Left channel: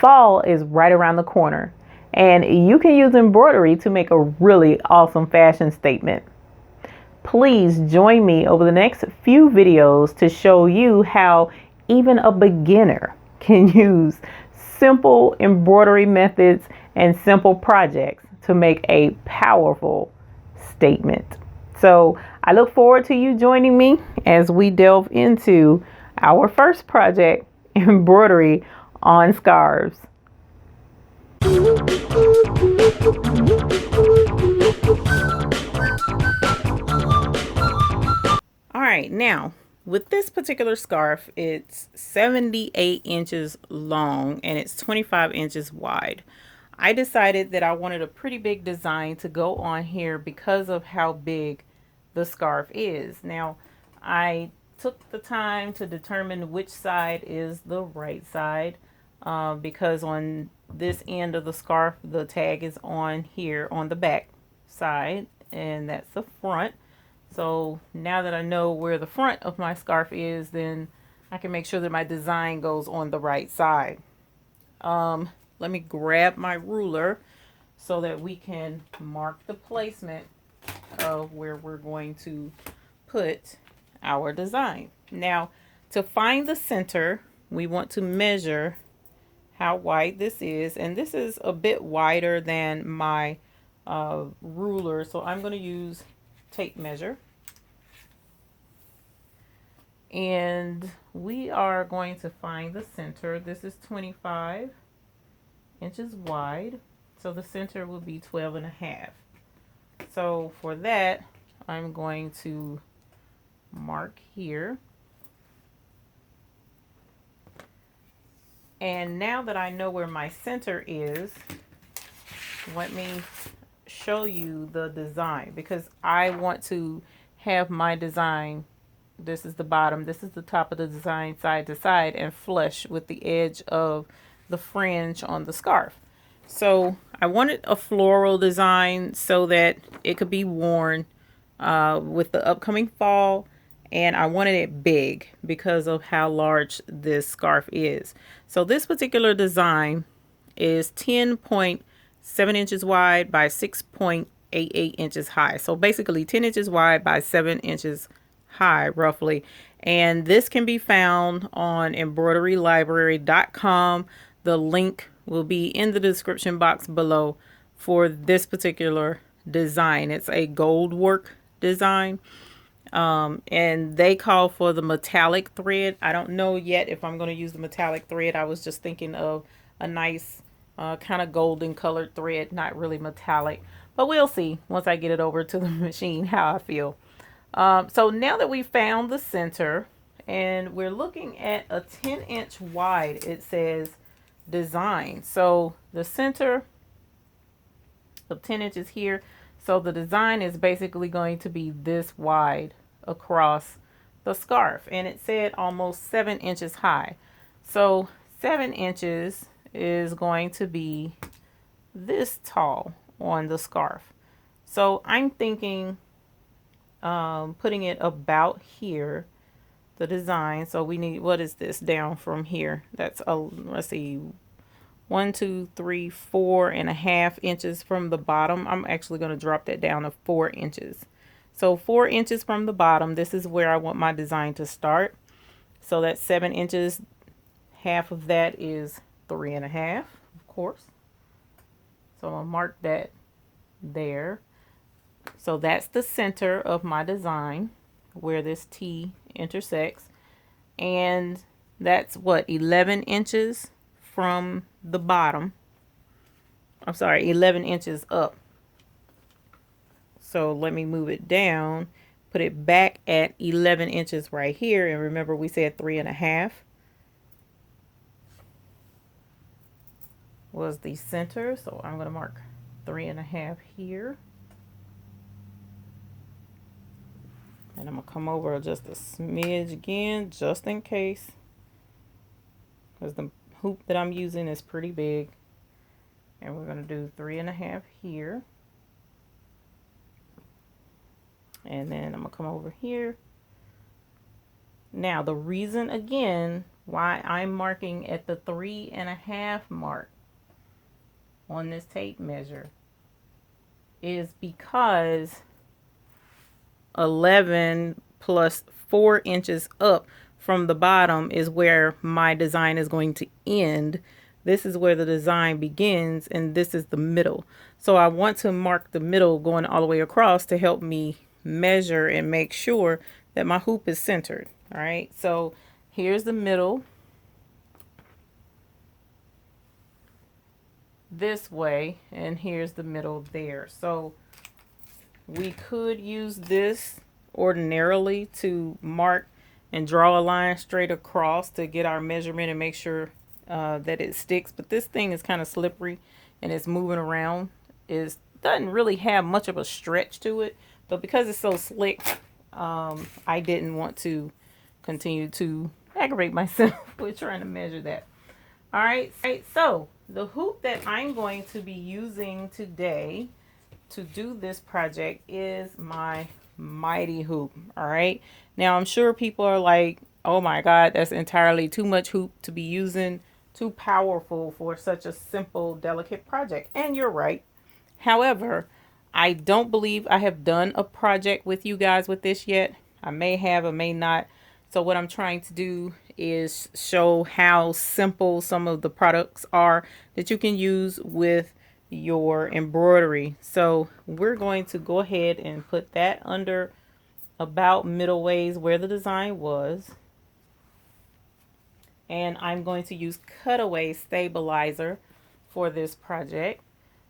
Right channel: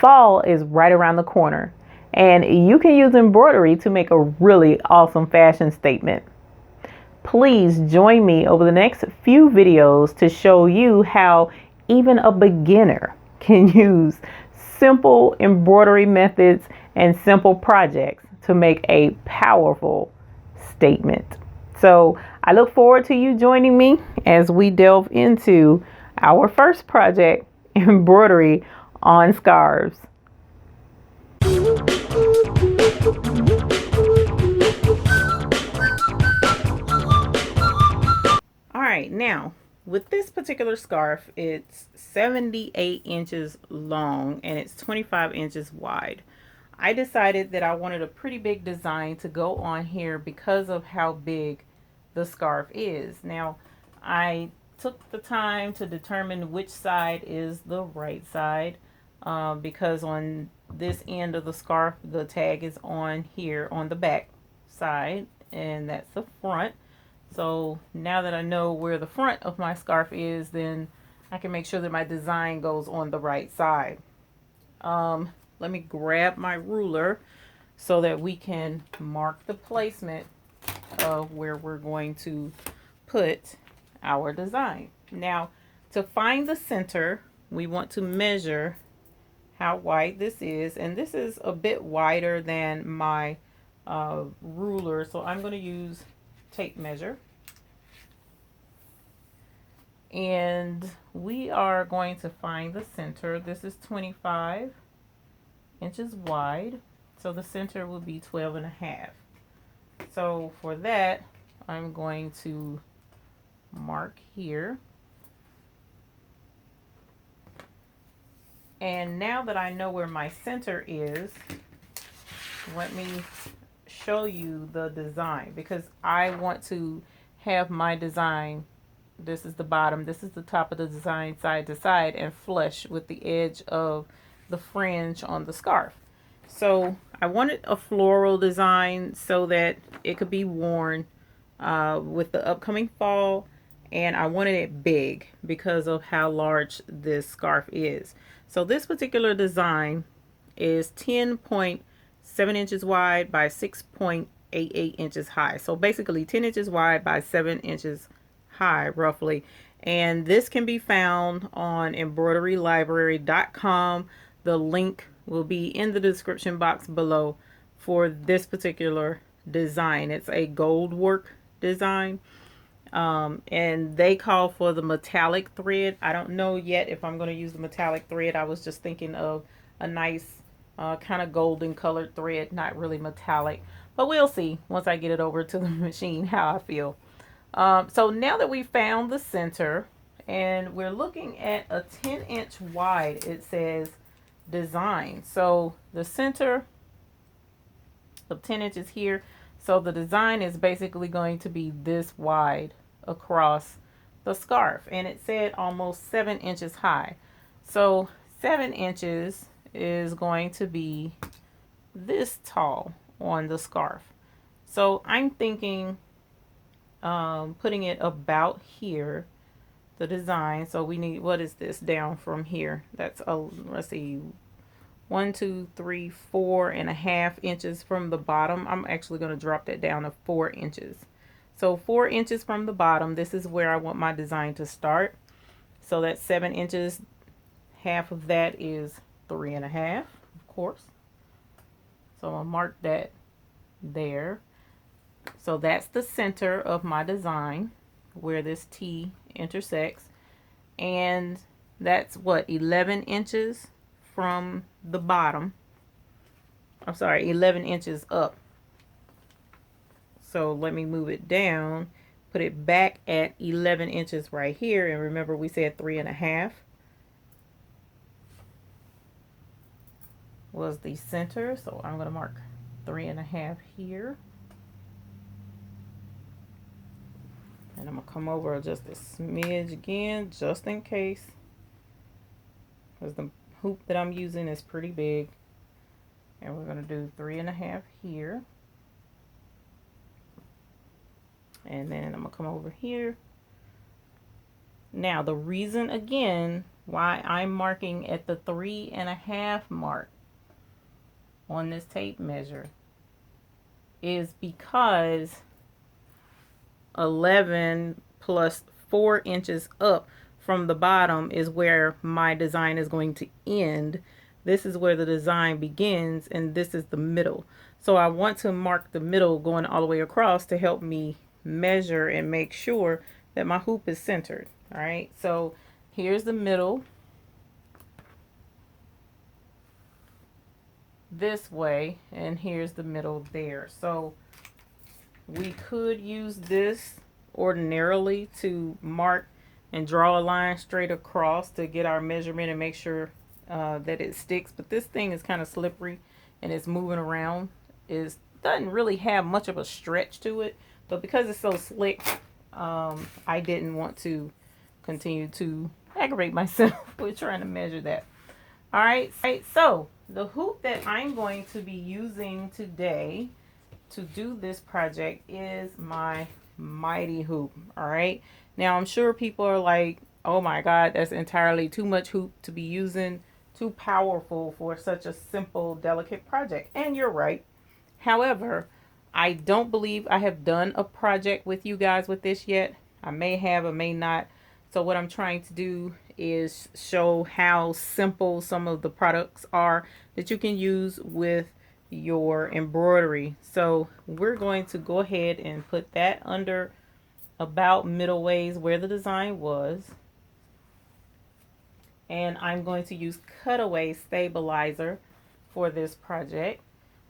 Fall is right around the corner, and you can use embroidery to make a really awesome fashion statement. Please join me over the next few videos to show you how even a beginner can use simple embroidery methods and simple projects to make a powerful statement. So I look forward to you joining me as we delve into our first project, embroidery on scarves. All right, now with this particular scarf, it's 78 inches long and it's 25 inches wide. I decided that I wanted a pretty big design to go on here because of how big the scarf is. Now, I took the time to determine which side is the right side because on this end of the scarf, the tag is on here on the back side, and that's the front. So now that I know where the front of my scarf is, then I can make sure that my design goes on the right side. Let me grab my ruler so that we can mark the placement of where we're going to put our design. Now, to find the center, we want to measure how wide this is, and this is a bit wider than my ruler, so I'm going to use tape measure. And we are going to find the center. This is 25 inches wide, so the center will be 12 and a half. So for that, I'm going to mark here. And now that I know where my center is, let me show you the design, because I want to have my design, this is the bottom, this is the top of the design, side to side, and flush with the edge of the fringe on the scarf. So I wanted a floral design so that it could be worn with the upcoming fall, and I wanted it big because of how large this scarf is. So this particular design is 10.7 inches wide by 6.88 inches high. So basically 10 inches wide by 7 inches high, roughly. And this can be found on embroiderylibrary.com. The link will be in the description box below for this particular design. It's a gold work design. And they call for the metallic thread. I don't know yet if I'm going to use the metallic thread. I was just thinking of a nice kind of golden colored thread, not really metallic, but we'll see once I get it over to the machine how I feel. So now that we found the center and we're looking at a 10-inch wide, it says design. So the center of 10 inches here. So the design is basically going to be this wide across the scarf, and it said almost 7 inches high. So 7 inches is going to be this tall on the scarf. So I'm thinking putting it about here, the design. So we need, what is this down from here? That's let's see, 1, 2, 3, 4.5 inches from the bottom. I'm actually going to drop that down to 4 inches. So 4 inches from the bottom, this is where I want my design to start. So that's 7 inches. Half of that is 3.5, of course. So I'll mark that there. So that's the center of my design where this T intersects. And that's what, 11 inches from the bottom. I'm sorry, 11 inches up. So let me move it down, put it back at 11 inches right here. And remember, we said 3.5 was the center. So I'm going to mark 3.5 here. And I'm going to come over just a smidge again, just in case, because the hoop that I'm using is pretty big. And we're going to do 3.5 here. And then I'm going to come over here. Now, the reason, again, why I'm marking at the 3.5 mark on this tape measure is because 11 plus 4 inches up from the bottom is where my design is going to end. This is where the design begins, and this is the middle. So I want to mark the middle going all the way across to help me measure and make sure that my hoop is centered. All right, so here's the middle this way, and here's the middle there. So we could use this ordinarily to mark and draw a line straight across to get our measurement and make sure that it sticks. But this thing is kind of slippery and it's moving around. It doesn't really have much of a stretch to it, but because it's so slick, I didn't want to continue to aggravate myself with trying to measure that. All right, so the hoop that I'm going to be using today to do this project is my mighty hoop. All right, now I'm sure people are like, oh my god, that's entirely too much hoop to be using, too powerful for such a simple, delicate project. And you're right. However, I don't believe I have done a project with you guys with this yet. I may have, I may not. So what I'm trying to do is show how simple some of the products are that you can use with your embroidery. So we're going to go ahead and put that under about middle ways where the design was. And I'm going to use cutaway stabilizer for this project.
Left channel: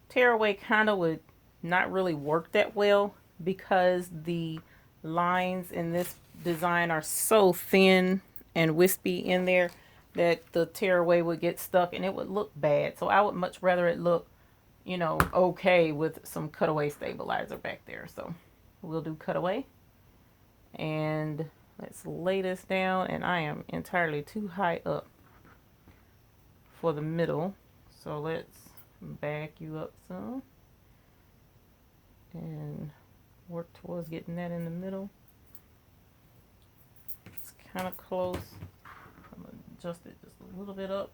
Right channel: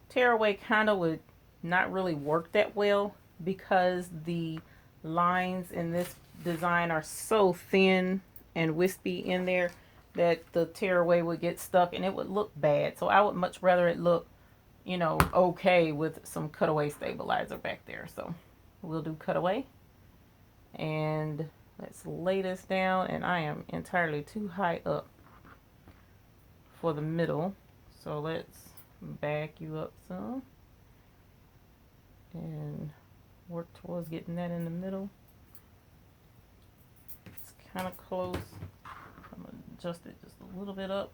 Tearaway kind of would not really work that well because the lines in this design are so thin and wispy in there that the tearaway would get stuck and it would look bad. So I would much rather it look, you know, okay with some cutaway stabilizer back there. So we'll do cutaway. And let's lay this down, and I am entirely too high up for the middle. So let's back you up some and work towards getting that in the middle. It's kind of close. I'm going to adjust it just a little bit up.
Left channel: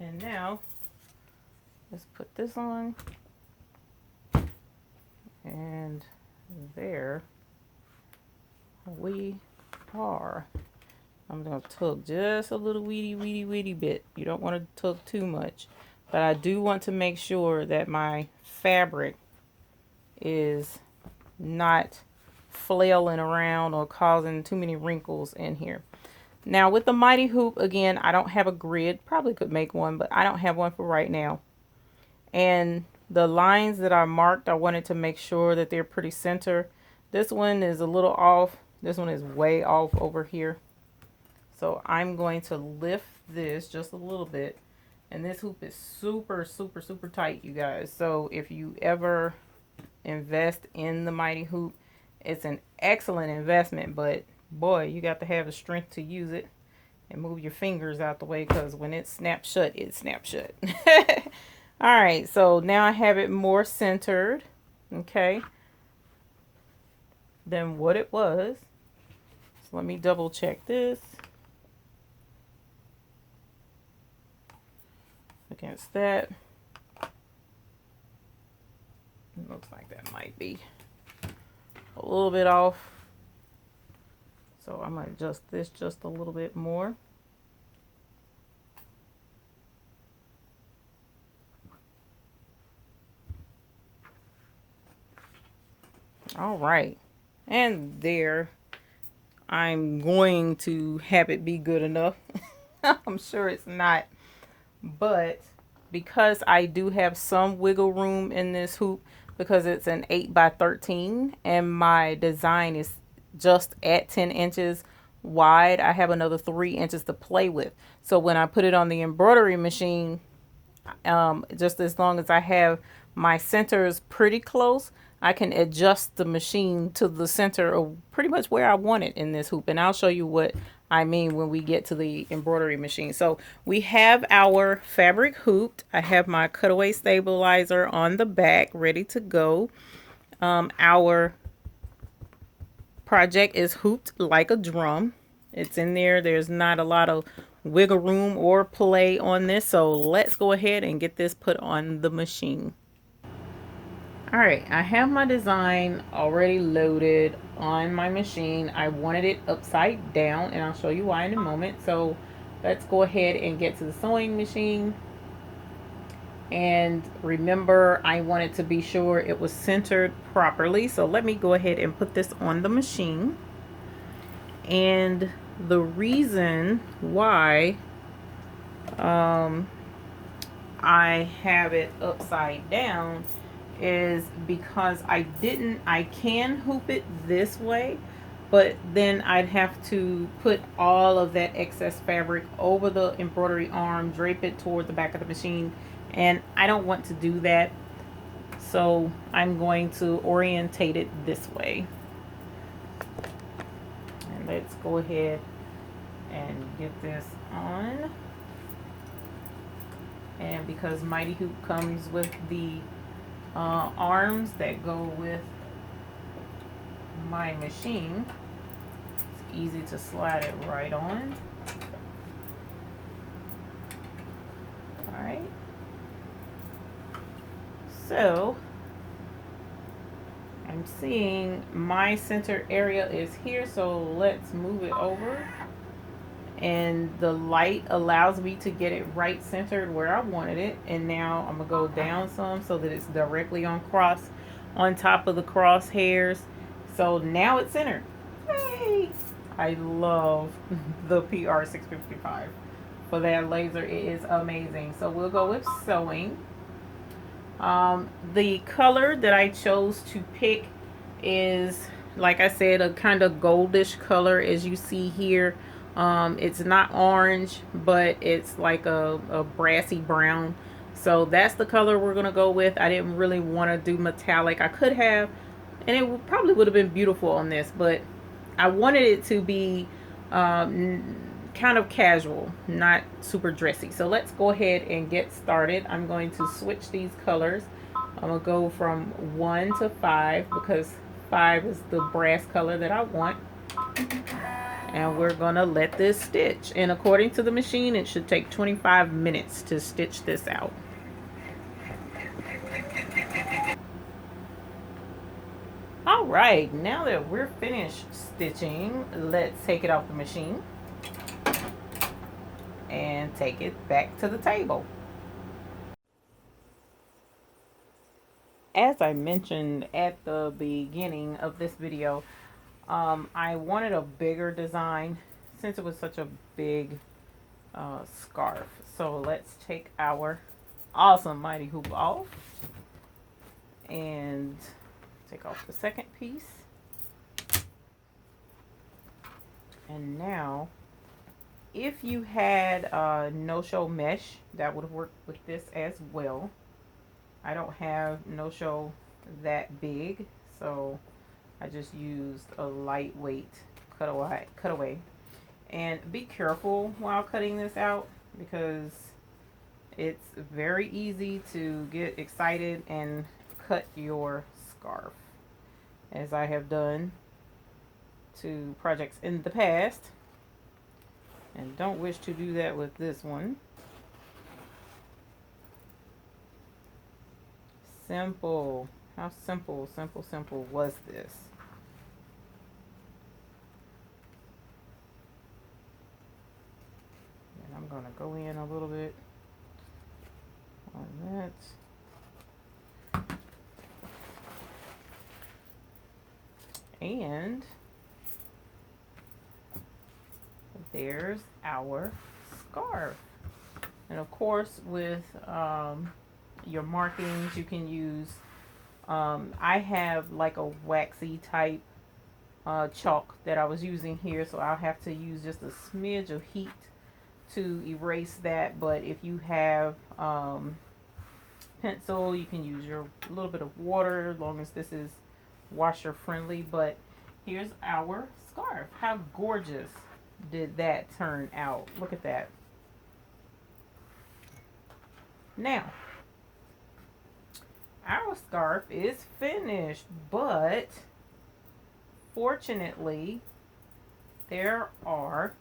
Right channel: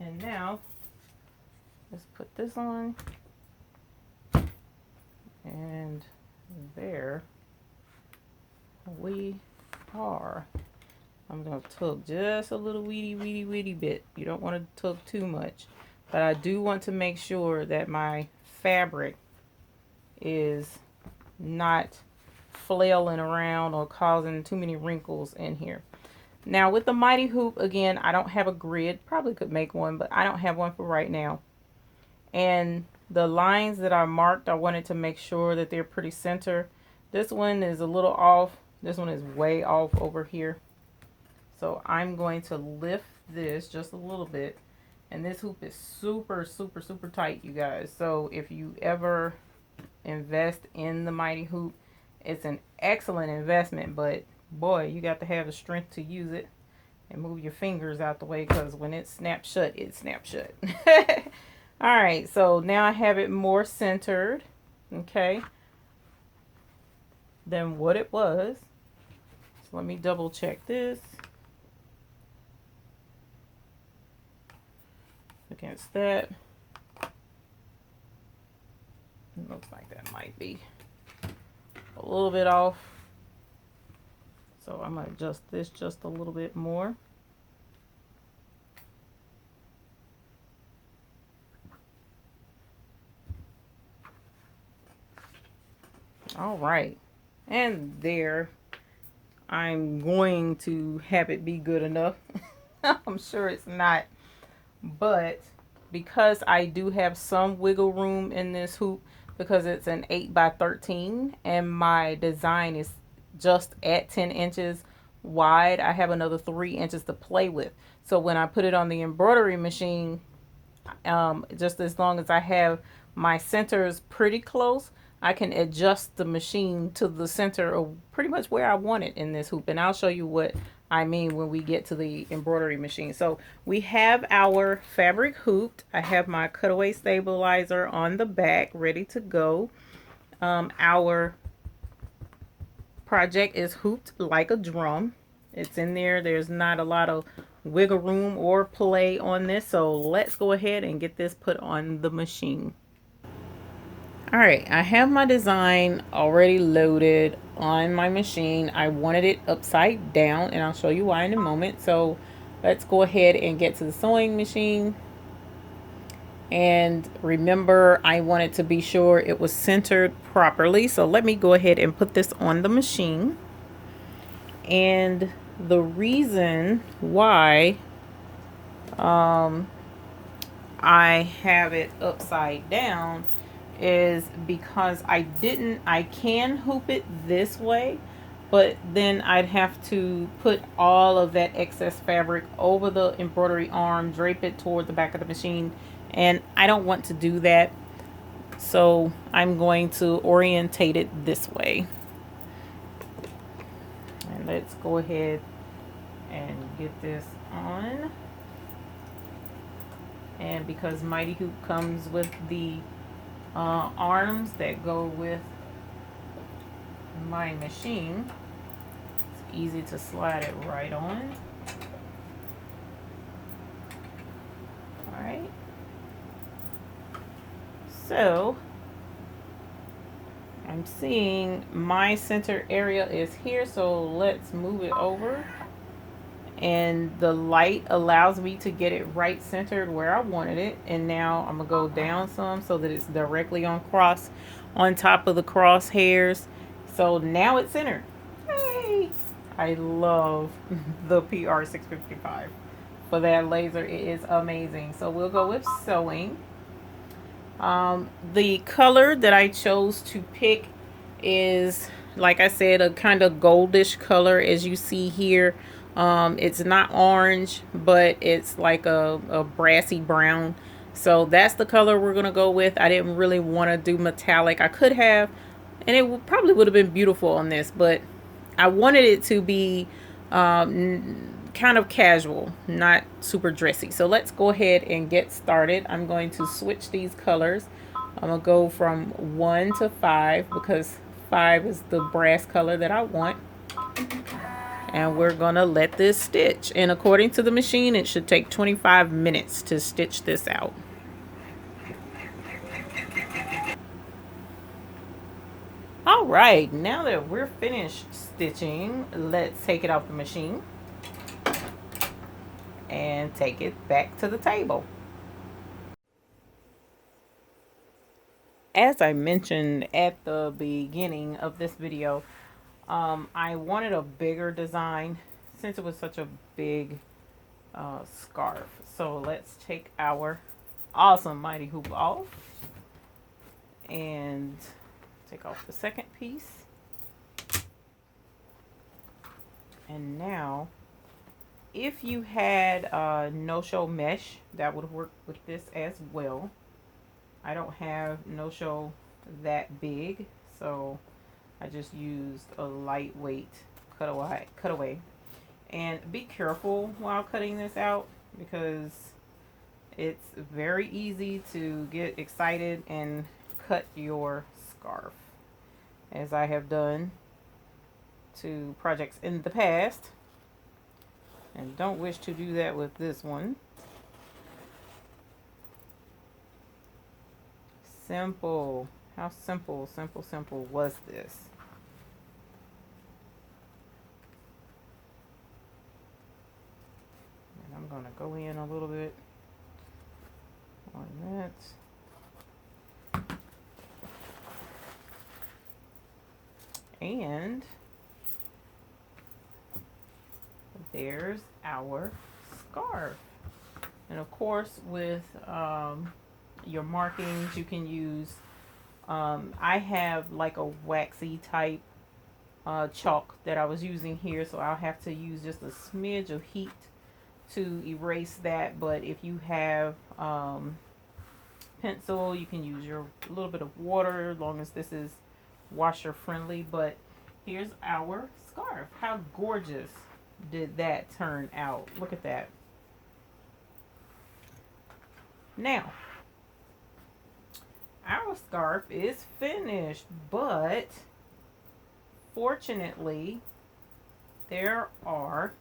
And now let's put this on. And there we are. I'm going to tug just a little weedy bit. You don't want to tug too much. But I do want to make sure that my fabric is not flailing around or causing too many wrinkles in here. Now with the mighty hoop, again, I don't have a grid. Probably could make one, but I don't have one for right now. And the lines that I marked, I wanted to make sure that they're pretty center. This one is a little off. This one is way off over here. So I'm going to lift this just a little bit. And this hoop is super tight, you guys. So if you ever invest in the mighty hoop, it's an excellent investment, but boy, you got to have the strength to use it and move your fingers out the way, because when it snaps shut, it snaps shut. All right, so now I have it more centered, okay, than what it was. So let me double check this against that. It looks like that might be a little bit off. So I'm going to adjust this just a little bit more. All right. And there, I'm going to have it be good enough. I'm sure it's not, but because I do have some wiggle room in this hoop, because it's an 8x13 and my design is just at 10 inches wide, I have another 3 inches to play with. So when I put it on the embroidery machine, just as long as I have my centers pretty close, I can adjust the machine to the center of pretty much where I want it in this hoop. And I'll show you what I mean when we get to the embroidery machine. So we have our fabric hooped. I have my cutaway stabilizer on the back ready to go. Our project is hooped like a drum. It's in there. There's not a lot of wiggle room or play on this. So let's go ahead and get this put on the machine. All right, I have my design already loaded on my machine. I wanted it upside down, and I'll show you why in a moment. So let's go ahead and get to the sewing machine. And remember, I wanted to be sure it was centered properly. So let me go ahead and put this on the machine. And the reason why I have it upside down is because I can hoop it this way, but then I'd have to put all of that excess fabric over the embroidery arm, drape it toward the back of the machine, and I don't want to do that. So I'm going to orientate it this way. And let's go ahead and get this on. And because Mighty Hoop comes with the arms that go with my machine, it's easy to slide it right on. Alright. So I'm seeing my center area is here, so let's move it over. And the light allows me to get it right centered where I wanted it. And now I'm gonna go down some so that it's directly on top of the crosshairs. So now it's centered. Yay! I love the PR655 for that laser. It is amazing. So we'll go with sewing. The color that I chose to pick is, like I said, a kind of goldish color, as you see here. It's not orange, but it's like a brassy brown. So that's the color we're gonna go with. I didn't really want to do metallic. I could have, and it probably would have been beautiful on this, but I wanted it to be kind of casual, not super dressy. So let's go ahead and get started. I'm going to switch these colors. I'm gonna go from 1 to 5 because 5 is the brass color that I want. And we're gonna let this stitch. And according to the machine, it should take 25 minutes to stitch this out. All right, now that we're finished stitching, let's take it off the machine and take it back to the table. As I mentioned at the beginning of this video, I wanted a bigger design since it was such a big scarf. So let's take our awesome Mighty Hoop off and take off the second piece. And now, if you had no-show mesh, that would work with this as well. I don't have no-show that big, so I just used a lightweight cutaway. And be careful while cutting this out because it's very easy to get excited and cut your scarf, as I have done to projects in the past, and don't wish to do that with this one. Simple. How simple was this? And I'm gonna go in a little bit on that. And there's our scarf. And of course, with your markings, you can use, I have like a waxy type chalk that I was using here, so I'll have to use just a smidge of heat to erase that. But if you have pencil, you can use your little bit of water, as long as this is washer friendly. But here's our scarf. How gorgeous did that turn out? Look at that. Now, our scarf is finished, but fortunately, there are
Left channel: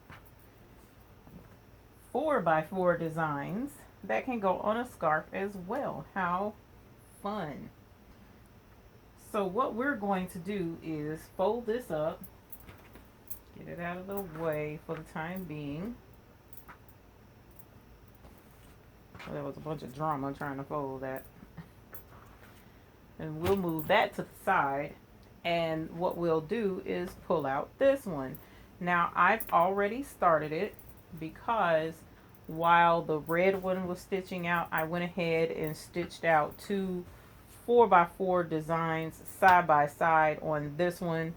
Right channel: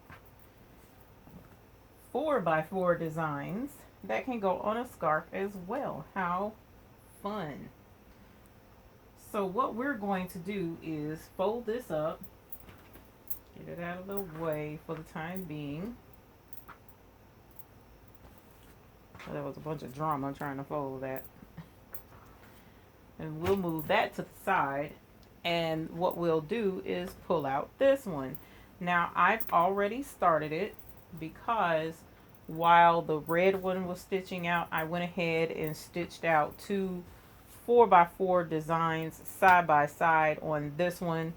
4x4 designs that can go on a scarf as well. How fun. So what we're going to do is fold this up, get it out of the way for the time being. Well, there was a bunch of drama trying to fold that. And we'll move that to the side. And what we'll do is pull out this one. Now I've already started it because while the red one was stitching out, I went ahead and stitched out two 4x4 designs side by side on this one,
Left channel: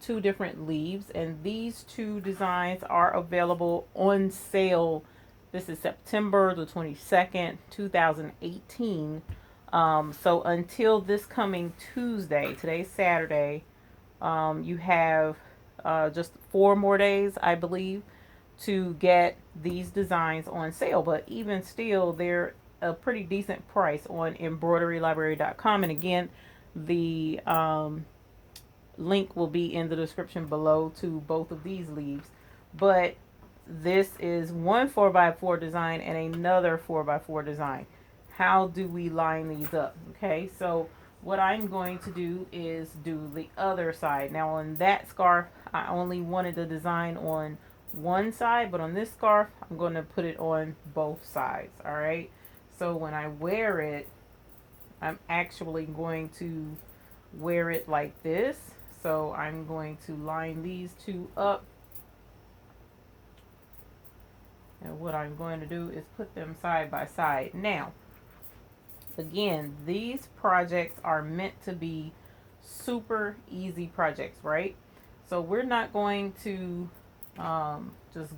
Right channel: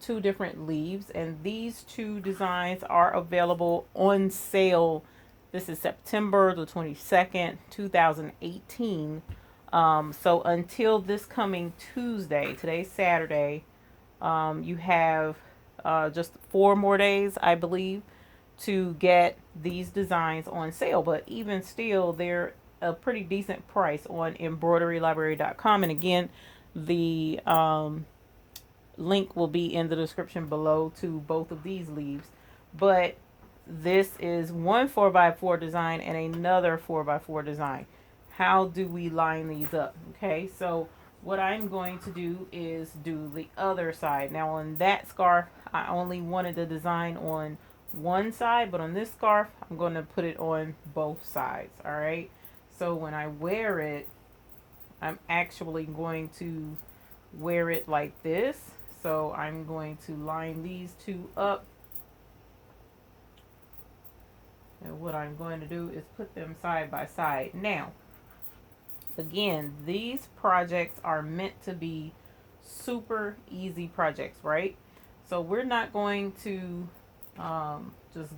two different leaves, and these two designs are available on sale. This is September the 22nd, 2018. So until this coming Tuesday, today's Saturday, you have just 4 more days, I believe, to get these designs on sale. But even still, they're a pretty decent price on embroiderylibrary.com. And again, the link will be in the description below to both of these leaves. But this is one 4x4 design and another 4x4 design. How do we line these up? Okay, so what I'm going to do is do the other side. Now on that scarf, I only wanted the design on one side, but on this scarf, I'm going to put it on both sides. All right, so when I wear it, I'm actually going to wear it like this. So I'm going to line these two up. And what I'm going to do is put them side by side. Now, again, these projects are meant to be super easy projects, right? So we're not going to just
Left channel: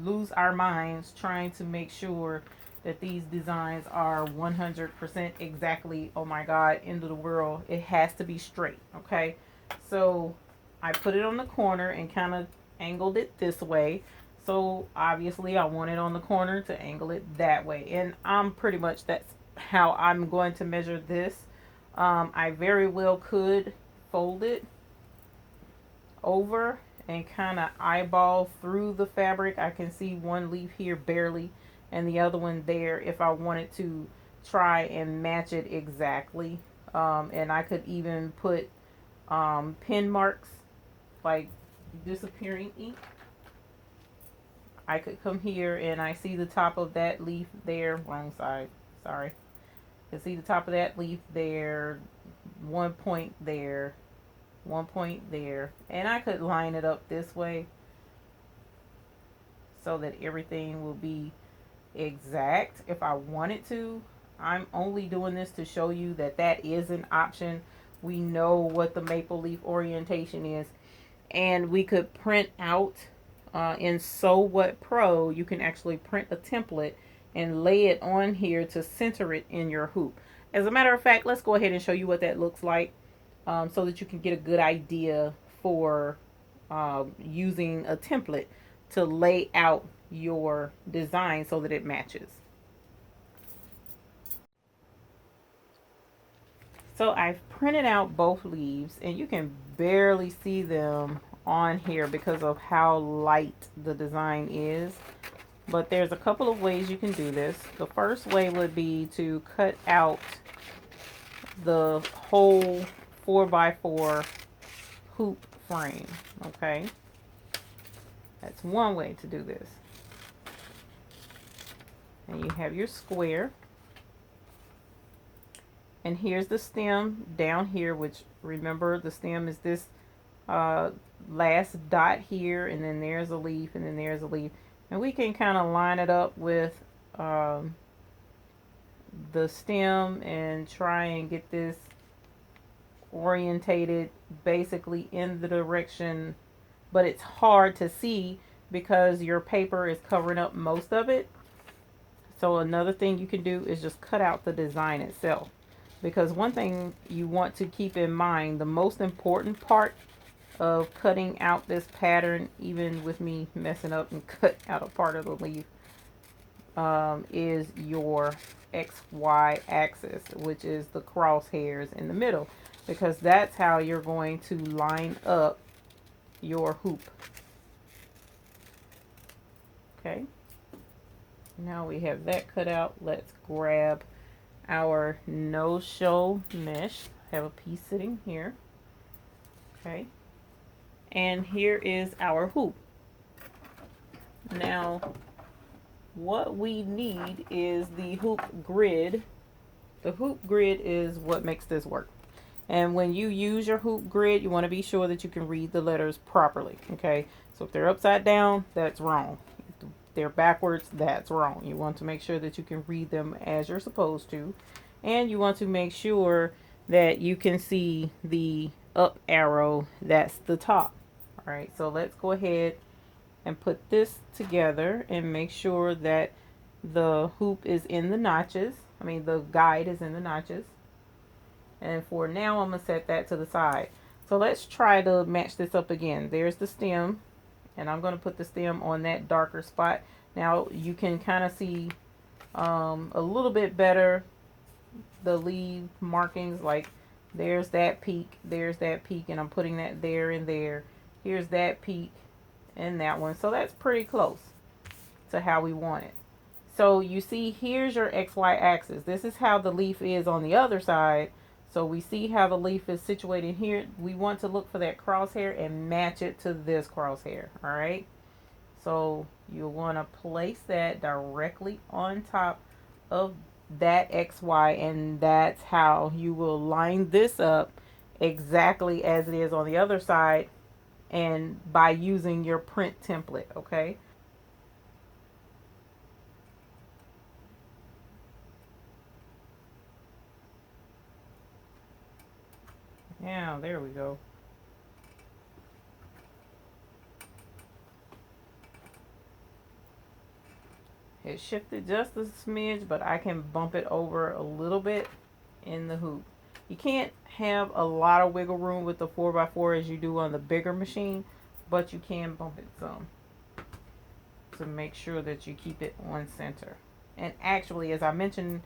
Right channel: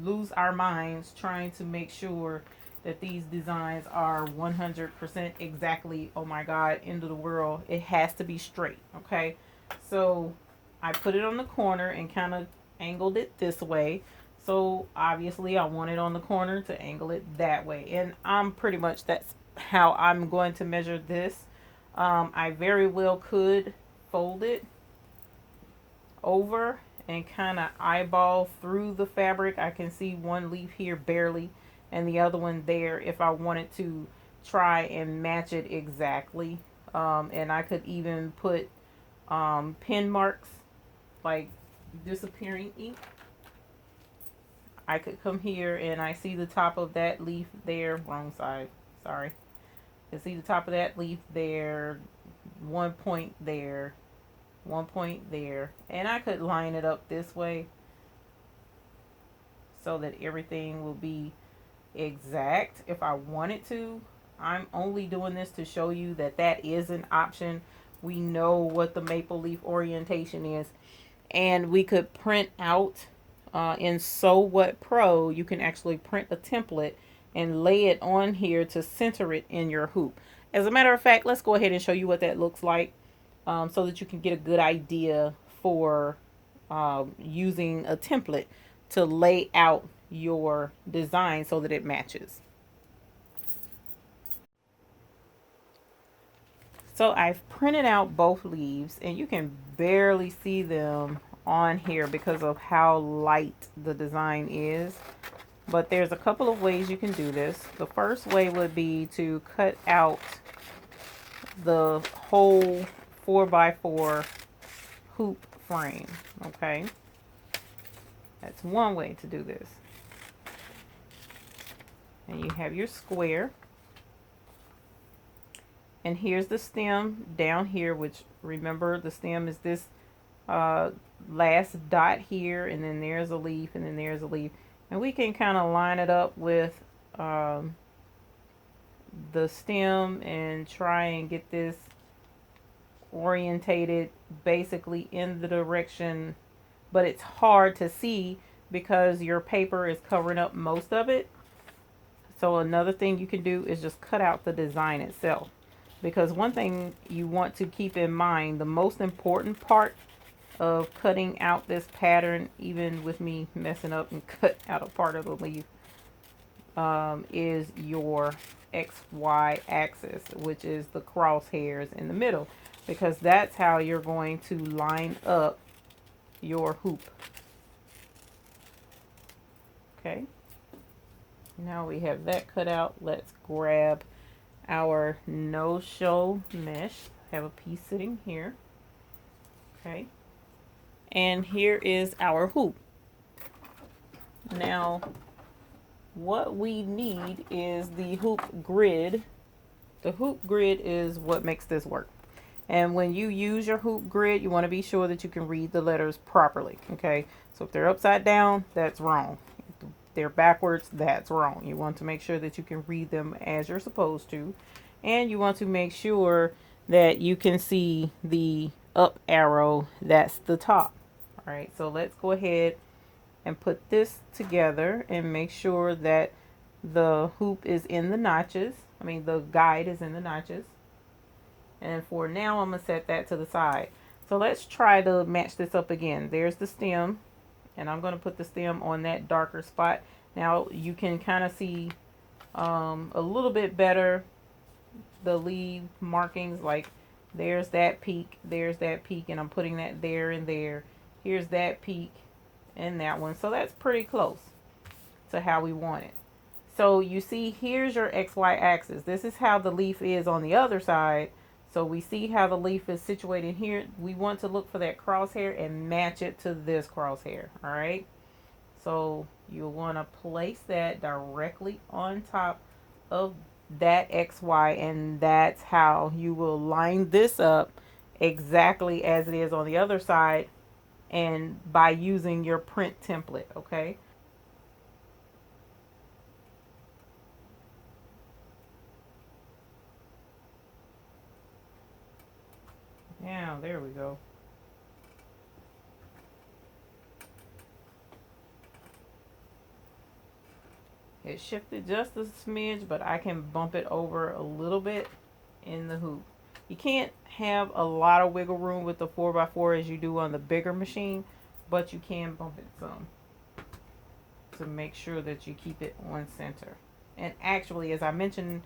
lose our minds trying to make sure that these designs are 100% exactly, oh my God, end of the world. It has to be straight, okay? So I put it on the corner and kind of angled it this way. So obviously I want it on the corner to angle it that way. And I'm pretty much, that's how I'm going to measure this. I very well could fold it over and kind of eyeball through the fabric. I can see one leaf here barely and the other one there if I wanted to try and match it exactly. And I could even put pin marks, like disappearing ink. I could come here and I see the top of that leaf there. Wrong side, sorry. I see the top of that leaf there, 1 point there, 1 point there. And I could line it up this way so that everything will be exact if I wanted to. I'm only doing this to show you that that is an option. We know what the maple leaf orientation is. And we could print out in Sew What Pro, you can actually print a template and lay it on here to center it in your hoop. As a matter of fact, let's go ahead and show you what that looks like so that you can get a good idea for using a template to lay out your design so that it matches. So I've printed out both leaves and you can barely see them on here because of how light the design is. But there's a couple of ways you can do this. The first way would be to cut out the whole 4x4 hoop frame, okay? That's one way to do this. And you have your square. And here's the stem down here, which remember the stem is this last dot here, and then there's a leaf, and then there's a leaf. And we can kind of line it up with the stem and try and get this orientated basically in the direction, but it's hard to see because your paper is covering up most of it. So another thing you can do is just cut out the design itself. Because one thing you want to keep in mind, the most important part of cutting out this pattern, even with me messing up and cut out a part of the leaf, is your XY axis, which is the crosshairs in the middle, because that's how you're going to line up your hoop. Okay, Now we have that cut out. Let's grab our no-show mesh. I have a piece sitting here. Okay. And here is our hoop. Now, what we need is the hoop grid. The hoop grid is what makes this work. And when you use your hoop grid, you want to be sure that you can read the letters properly. Okay. So if they're upside down, that's wrong. If they're backwards, that's wrong. You want to make sure that you can read them as you're supposed to. And you want to make sure that you can see the up arrow, that's the top. All right, so let's go ahead and put this together and make sure that the hoop is in the notches. I mean, the guide is in the notches. And for now, I'm going to set that to the side. So let's try to match this up again. There's the stem, and I'm going to put the stem on that darker spot. Now you can kind of see a little bit better the leaf markings, like there's that peak, and I'm putting that there and there. Here's that peak and that one. So that's pretty close to how we want it. So you see, here's your XY axis. This is how the leaf is on the other side. So we see how the leaf is situated here. We want to look for that crosshair and match it to this crosshair. All right. So you'll want to place that directly on top of that XY, and that's how you will line this up exactly as it is on the other side, and by using your print template. Okay. Now, there we go. It shifted just a smidge, but I can bump it over a little bit in the hoop. You can't have a lot of wiggle room with the 4x4 as you do on the bigger machine, but you can bump it some to make sure that you keep it on center. And actually, as I mentioned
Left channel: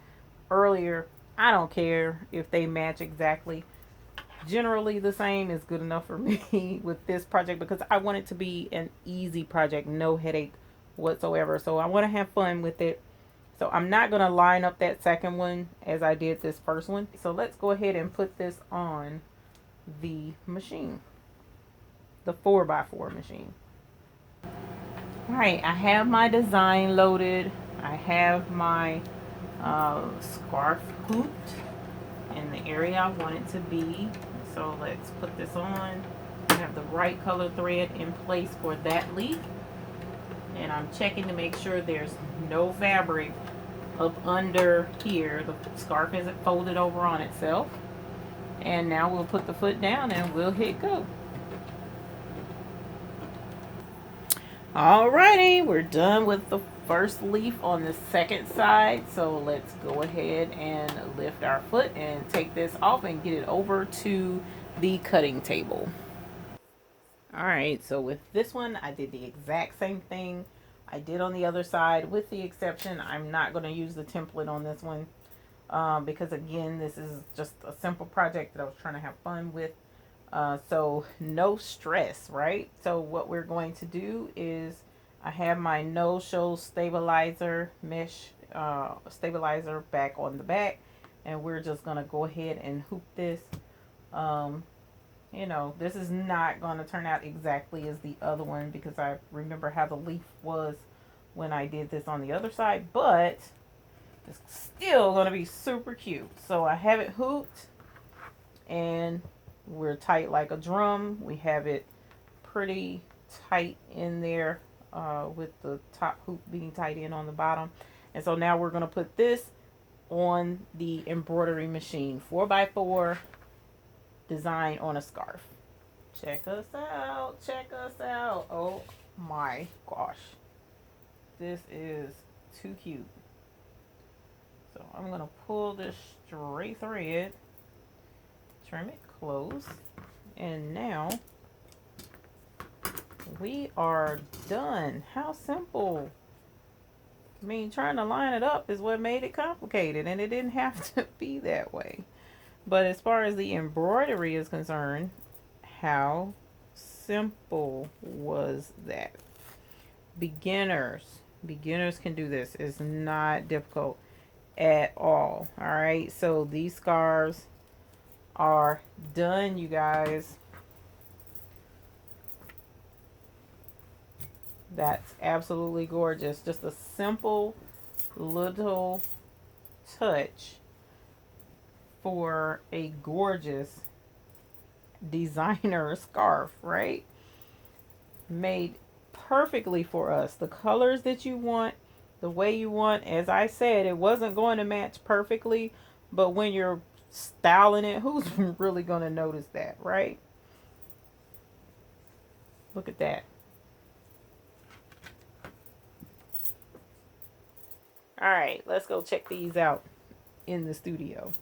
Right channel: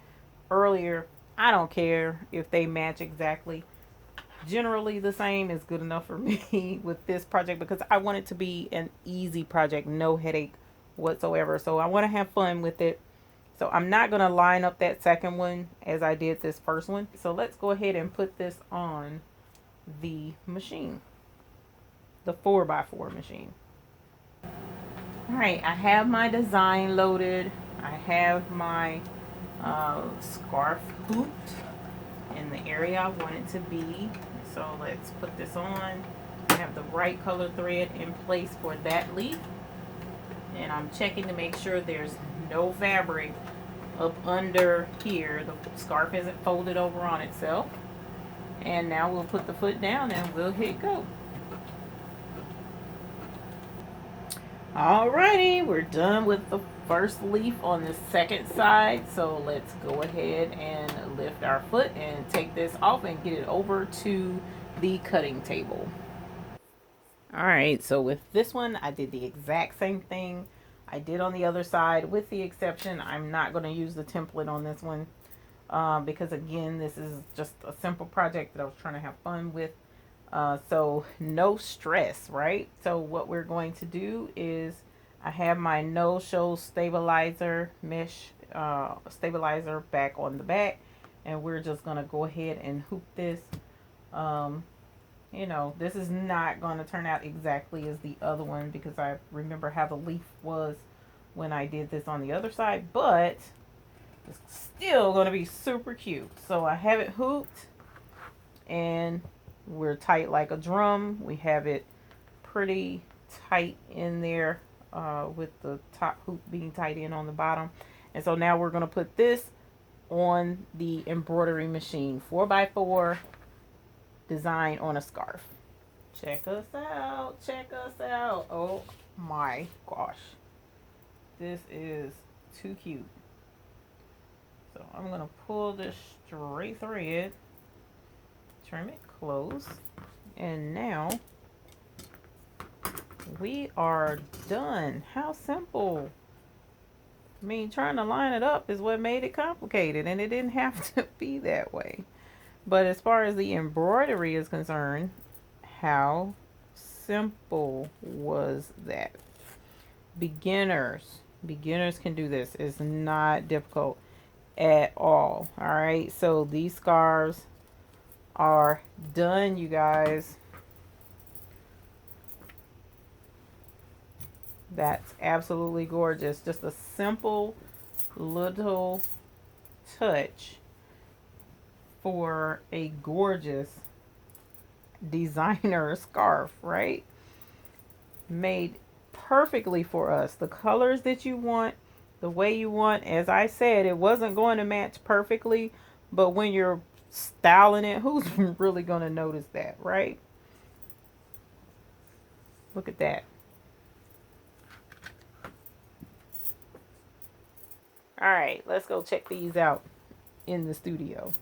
earlier, I don't care if they match exactly. Generally, the same is good enough for me with this project, because I want it to be an easy project, no headache whatsoever. So I want to have fun with it. So I'm not going to line up that second one as I did this first one. So let's go ahead and put this on the machine, the 4x4 machine. All right, I have my design loaded. I have my scarf hooped in the area I want it to be. So let's put this on. I have the right color thread in place for that leaf. And I'm checking to make sure there's no fabric up under here. The scarf isn't folded over on itself. And now we'll put the foot down and we'll hit go. Alrighty, we're done with the first leaf on the second side. So let's go ahead and lift our foot and take this off and get it over to the cutting table. Alright, so with this one, I did the exact same thing I did on the other side, with the exception I'm not going to use the template on this one because, again, this is just a simple project that I was trying to have fun with. So no stress, right? So what we're going to do is, I have my no-show stabilizer mesh stabilizer back on the back, and we're just going to go ahead and hoop this. You know, this is not going to turn out exactly as the other one, because I remember how the leaf was when I did this on the other side, but it's still going to be super cute. So I have it hooped, and we're tight like a drum. We have it pretty tight in there with the top hoop being tight in on the bottom. And so now we're going to put this on the embroidery machine, 4x4 design on a scarf. Check us out, check us out. Oh my gosh, this is too cute. So I'm going to pull this straight thread, trim it close, and now we are done. How simple. I mean, trying to line it up is what made it complicated, and it didn't have to be that way. But as far as the embroidery is concerned, how simple was that? Beginners, Beginners can do this. It's not difficult at all. All right, so these scarves are done, you guys. That's absolutely gorgeous. Just a simple little touch for a gorgeous designer scarf, right? Made perfectly for us. The colors that you want, the way you want. As I said, it wasn't going to match perfectly, but when you're styling it, who's really going to notice that, right? Look at that. All right, let's go check these out in the studio.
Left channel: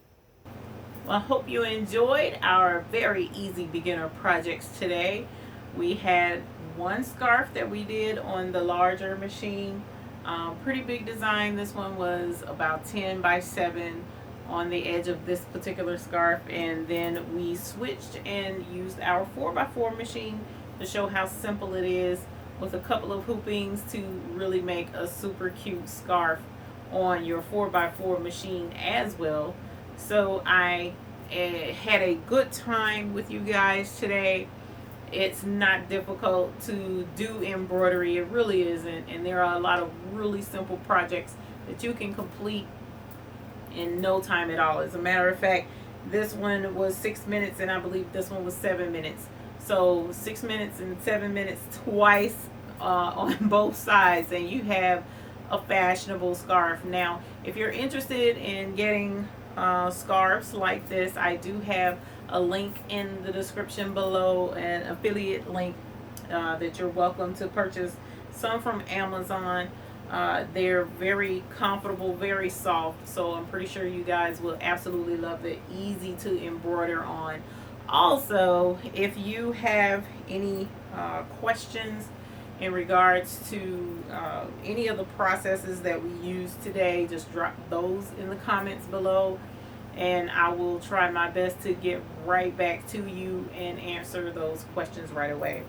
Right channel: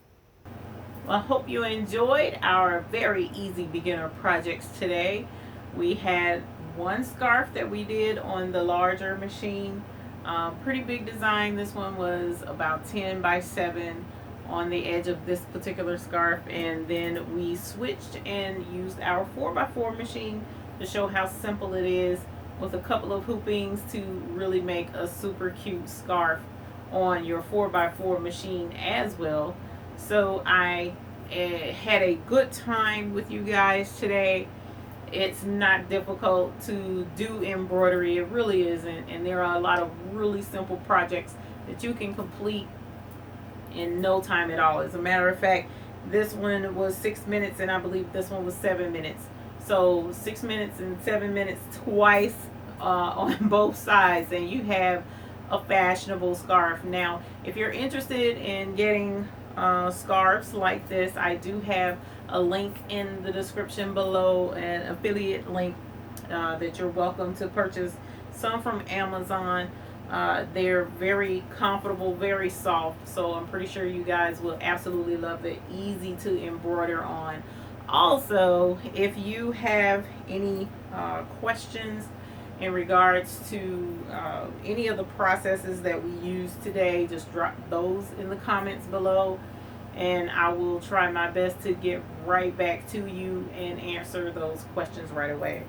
Well, I hope you enjoyed our very easy beginner projects today. We had one scarf that we did on the larger machine. Pretty big design. This one was about 10 by 7 on the edge of this particular scarf. And then we switched and used our 4x4 machine to show how simple it is with a couple of hoopings to really make a super cute scarf on your 4x4 machine as well. So I had a good time with you guys today. It's not difficult to do embroidery, it really isn't, and there are a lot of really simple projects that you can complete in no time at all. As a matter of fact, this one was 6 minutes and I believe this one was 7 minutes. So 6 minutes and 7 minutes twice on both sides, and you have a fashionable scarf. Now, if you're interested in getting scarves like this, I do have a link in the description below, an affiliate link that you're welcome to purchase some from Amazon. They're very comfortable, very soft, so I'm pretty sure you guys will absolutely love it. Easy to embroider on. Also, if you have any questions in regards to any of the processes that we use today, just drop those in the comments below and I will try my best to get right back to you and answer those questions right away.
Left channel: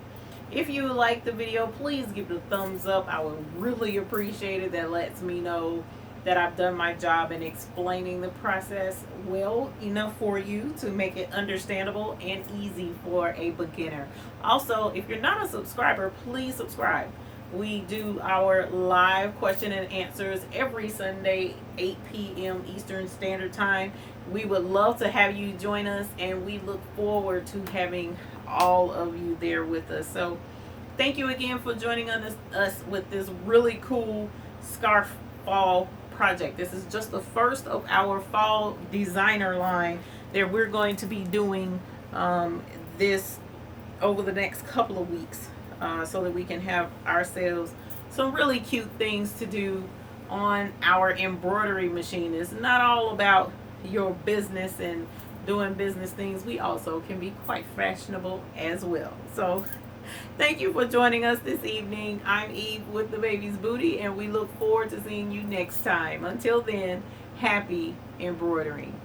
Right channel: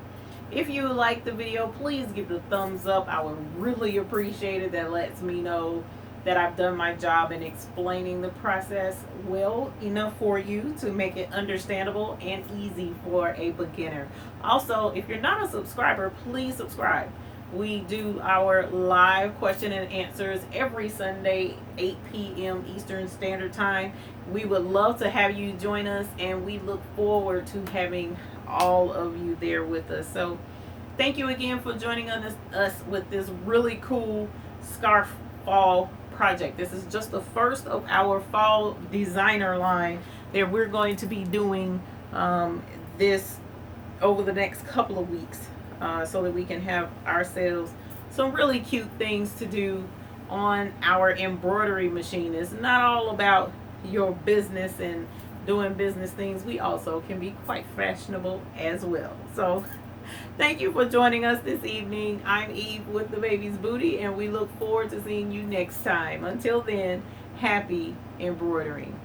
If you like the video, please give it a thumbs up. I would really appreciate it. That lets me know that I've done my job in explaining the process well enough for you to make it understandable and easy for a beginner. Also, if you're not a subscriber, please subscribe. We do our live question and answers every Sunday, 8 p.m. Eastern Standard Time. We would love to have you join us, and we look forward to having all of you there with us. So thank you again for joining us with this really cool scarf fall project. This is just the first of our fall designer line that we're going to be doing this over the next couple of weeks, so that we can have ourselves some really cute things to do on our embroidery machine. It's not all about your business and doing business things. We also can be quite fashionable as well. So thank you for joining us this evening. I'm Eve with the Baby's Booty, and we look forward to seeing you next time. Until then, happy embroidering.